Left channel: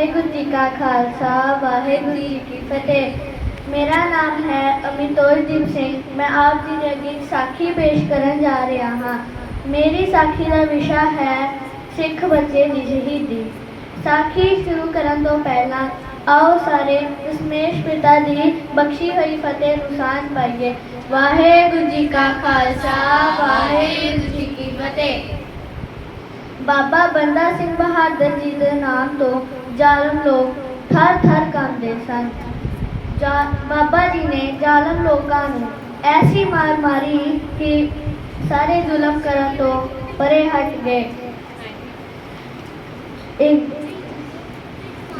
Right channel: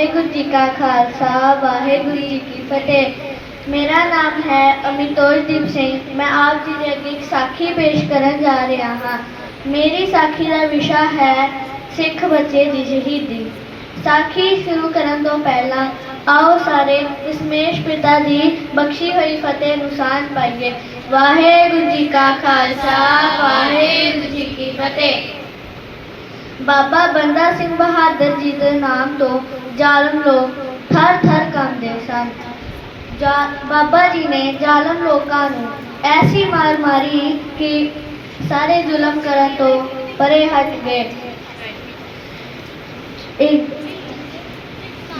ਵਾਹਿਗੁਰੂ ਜੀ ਕਾ ਖਾਲਸਾ, ਵਾਹਿਗੁਰੂ ਜੀ ਕੀ ਫਤਿਹ। ਮੇਰਾ ਨਾਮ ਹੈ ਅਮਿਤੋਜਦੀਪ ਸਿੰਘ। ਮੈਂ ਆਪ ਜੀ ਦੇ ਅੱਗੇ ਇੱਕ ਸਾਖੀ ਪੇਸ਼ ਕਰਨ ਜਾ ਰਿਹਾ ਹਾਂ। ਮੇਰੀ ਸਾਖੀ ਦਾ ਵਿਸ਼ਾ ਹੈ ਸਿੱਖ ਬੱਚੇ ਦੀ ਸ਼ਹੀਦੀ। ਸਾਖੀ ਸ਼ੁਰੂ ਕਰਨ ਤੋਂ ਪਹਿਲਾਂ ਆਓ ਸਾਰੇ ਦਸ਼ਮੇਸ਼ ਪਿਤਾ ਦੀ ਬਖਸ਼ੀ ਹੋਈ ਫਤਿਹ ਨੂੰ ਸਾਂਝ ਪਾਈਏ। ਵਾਹਿਗੁਰੂ ਜੀ ਕਾ ਖਾਲਸਾ, ਵਾਹਿਗੁਰੂ ਜੀ ਕੀ ਫਤਿਹ। ਬਾਬਾ ਬੰਦਾ ਸਿੰਘ ਬਹਾਦਰ ਜੀ ਦੇ ਨਾਮ ਤੋਂ ਜ਼ਾਲਮ ਲੋਕ ਥਰ ਥਰ ਕੰਬਦੇ ਸਨ। ਜਾ- ਬਾਬਾ ਜੀ ਨੇ ਜ਼ਾਲਮ ਲੋਕਾਂ ਨੂੰ ਐਸੀ ਮਾਰ ਮਾਰੀ ਕਿ ਸਾਰੇ ਜ਼ੁਲਮ ਕਰਨ ਤੋਂ ਪਰੇ ਹਟ ਗਏ। ਇੱਕ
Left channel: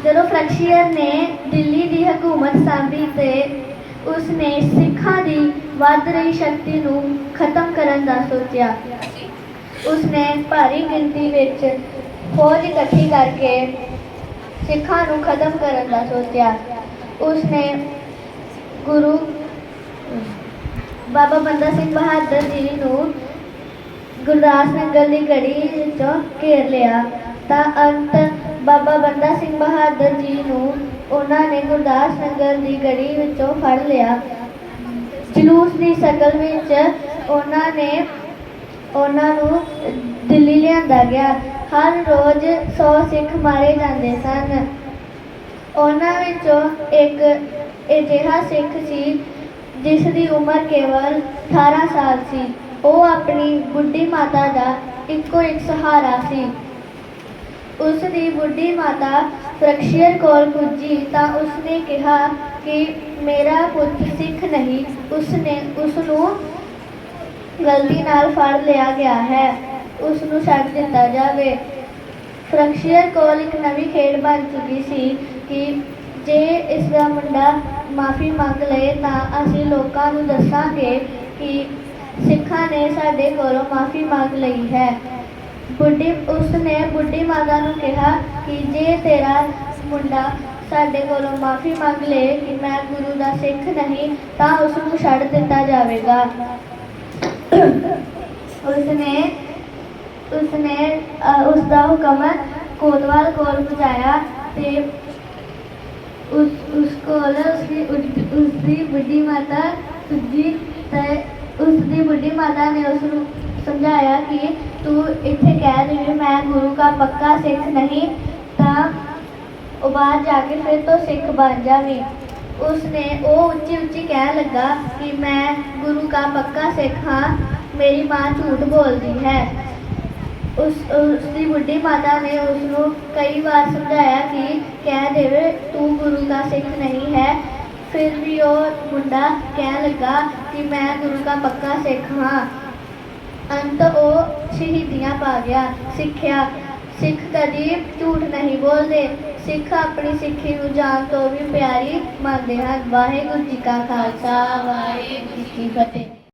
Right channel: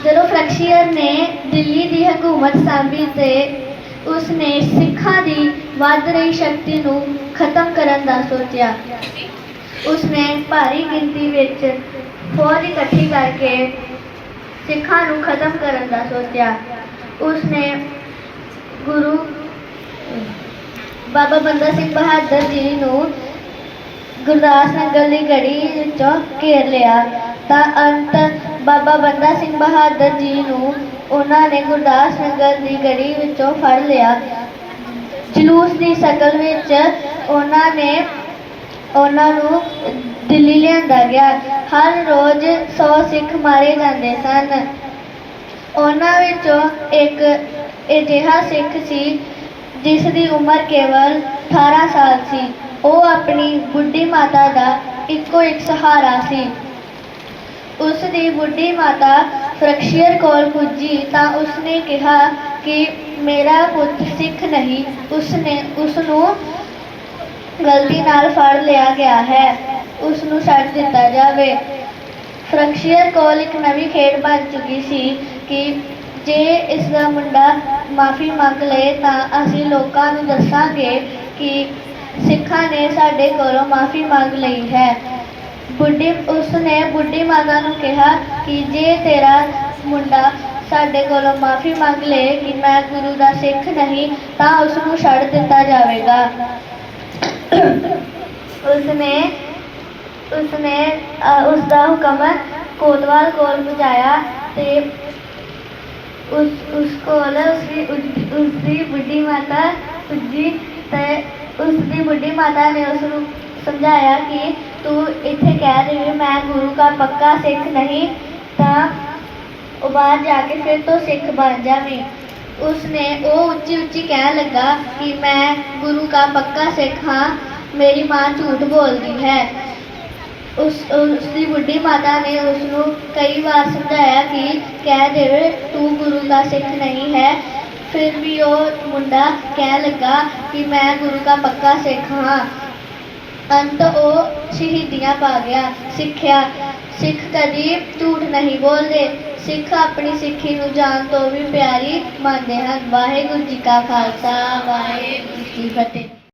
ਜਦੋਂ ਫਰੈਕਸ਼ੀਅਰ ਨੇ ਦਿੱਲੀ ਦੀ ਹਕੂਮਤ ਸਾਂਭੀ ਤੇ ਉਸਨੇ ਸਿੱਖਾਂ ਦੀ ਵੱਧ ਰਹੀ ਸ਼ਕਤੀ ਨੂੰ ਖਤਮ ਕਰਨ ਦਾ ਸੋਚਿਆ ਉਸਨੇ ਭਾਰੀ ਗਿਣਤੀ ਵਿੱਚ ਫੌਜ ਇਕੱਠੀ ਕਰਕੇ ਸਿੱਖਾਂ ਨੂੰ ਖਤਮ ਕਰਨ ਦਾ ਸੋਚਿਆ। ਉਸਨੇ ਗੁਰੂ ਬਾਬਾ ਬੰਦਾ ਸਿੰਘ ਬਹਾਦਰ ਜੀ ਨੂੰ ਗੁਰਦਾਸ ਨਗਰ ਦੀ ਗੜੀ ਵਿੱਚੋਂ ਘੇਰ ਲਿਆ। ਤਾਂ ਅੰਤ ਬਾਬਾ ਬੰਦਾ ਸਿੰਘ ਬਹਾਦਰ ਜੀ ਨੂੰ ਉਹਨਾਂ ਨੇ ਗੁਰਦਾਸ ਨਗਰ ਦੀ ਗੜੀ ਵਿੱਚੋਂ ਫੜ ਲਿਆ। ਜਲੂਸ ਦੀ ਸ਼ਕਲ ਵਿੱਚ ਉਹਨਾਂ ਨੇ ਉਹਨਾਂ ਨੂੰ ਦਿੱਲੀ ਲਿਆਂਦਾ ਗਿਆ। ਹਰ ਰੋਜ਼ 100 ਸਿੱਖ ਮਾਰੇ ਜਾਂਦੇ ਸਨ। ਉਹਨਾਂ ਵਿੱਚੋਂ ਇੱਕ ਅਜਿਹਾ ਸਿੱਖ ਸੀ, ਜਿਸ ਦੀ ਉਮਰ ਕੇਵਲ 18 ਸਾਲ ਸੀ। ਉਹ ਆਪਣੀ ਬੁੱਢੀ ਮਾਤਾ ਦਾ ਇੱਕੋ ਇੱਕ ਸਹਾਰਾ ਸੀ। ਉਸ ਦੀ ਬੁੱਢੀ ਮਾਤਾ ਫਰਕਸ਼ੀਅਰ ਕੋਲ ਪੁੱਜੀ ਤਾਂ ਉਸਨੇ ਕਿਹਾ ਕਿ, ਮੇਰਾ ਪੁੱਤ ਸਿੱਖ ਨਹੀਂ, ਉਸਨੇ ਉਸ ਨੂੰ ਗਲਤੀ ਨਾਲ ਫੜ ਲਿਆ ਗਿਆ ਹੈ। ਉਸ ਨੂੰ ਛੱਡ ਦਿੱਤਾ ਜਾਵੇ। ਫਰਕਸ਼ੀਅਰ ਕੋਲ ਇੱਕ ਨਵੀਂ ਖੇਡ ਬਣ ਚੁੱਕੀ ਸੀ ਕਿ ਜੇ ਇਸ ਦਾ ਮੁੰਡਾ ਮਾਫੀ ਮੰਗ ਲਏ ਤਾਂ ਅਸੀਂ ਲੋਕਾਂ ਨੂੰ ਦੱਸਾਂਗੇ ਕਿ ਸਿੱਖਾਂ ਨੇ ਸਾਡੇ ਕੋਲੋਂ ਮਾਫੀ ਮੰਗ ਲਈ ਹੈ। ਬੁੱਢੀ, ਉਸਨੇ ਬੁੱਢੀ ਮਾਤਾ ਨੂੰ ਕਿਹਾ ਕਿ ਜੇ ਤੇਰਾ ਮੁੰਡਾ ਸਾਡੇ ਕੋਲੋਂ ਮਾਫੀ ਮੰਗ ਲਏ ਕਿ ਮੈਂ ਗੁਰੂ ਦਾ ਸਿੱਖ ਨਹੀਂ, ਤਾਂ ਉਸ ਨੂੰ ਛੱਡ ਦਿੱਤਾ ਜਾਵੇਗਾ। ਉਸਨੇ ਉਸਨੇ ਅਹ, ਉਸਦਾ ਹੁਕਮ ਕੋਤਵਾਲ ਕੋਲ ਪਹੁੰਚਾਇਆ ਤੇ ਉਸ ਉਸ ਕੋਲ ਉਸਦੀ ਉਸਦੀ ਬੁੱਢੀ ਮਾਤਾ ਪੁੱਜੀ ਤੇ ਉਸਦੀ ਬੁੱਢੀ ਮਾਤਾ ਨੇ ਉਸ ਨੂੰ ਸਮਝਾਇਆ ਕਿ ਤੂੰ ਇੱਥੇ ਕਹਿ ਰਹੀ ਮੈਂ ਗੁਰੂ ਦਾ ਪੱਕਾ ਸਿੱਖ ਨਹੀਂ ਤਾਂ ਉਹ ਬਾਹਰ ਜਾ ਕੇ ਫਿਰ ਤੋਂ ਸਿੱਖ ਬਣ ਜਾਵੇਂ। ਉਸਨੇ ਉਹ ਉੱਚੀ ਉੱਚੀ ਕਹਿਣ ਲੱਗਾ ਕਿ ਮੈਂ ਗੁਰੂ ਦਾ ਪੱਕਾ ਸਿੱਖ ਹਾਂ, ਮੇਰੀ ਮਾਂ ਝੂਠ ਬੋਲਦੀ ਹੈ। ਉਸ, ਉਸਦੀ ਬੁੱਢੀ ਮਾਤਾ ਨੇ ਉਸ ਨੂੰ ਕਈ ਵਾਰ ਸਮਝਾਇਆ ਕਿ ਕਹਿ ਦੇਵੇ, ਤੂੰ ਗੁਰੂ ਦਾ ਸਿੱਖ ਨਹੀਂ ਹੈ। ਫਿਰ ਵੀ ਉਹ ਮੁੰਡਾ ਕਹਿਣ ਲੱਗਾ ਕਿ ਮੈਂ ਗੁਰੂ ਦਾ ਪੱਕਾ ਸਿੱਖ ਹਾਂ। ਅੰਤ ਉਹ ਸ਼ਹੀਦੀਆਂ ਪਾ ਗਿਆ। ਸਿੱਖਿਆ, ਸਿੱਖ ਕਦੀ ਝੂਠ ਨਹੀਂ ਬੋਲਦੇ। ਸਿੱਖ ਆਪਣੀ ਸਿੱਖੀ ਨੂੰ ਜਾਨ ਤੋਂ ਵੀ ਪਿਆਰੀ ਮੰਨਦੇ ਹਨ। ਵਾਹਿਗੁਰੂ ਜੀ ਕਾ ਖਾਲਸਾ, ਵਾਹਿਗੁਰੂ ਜੀ ਕੀ ਫਤਿਹ।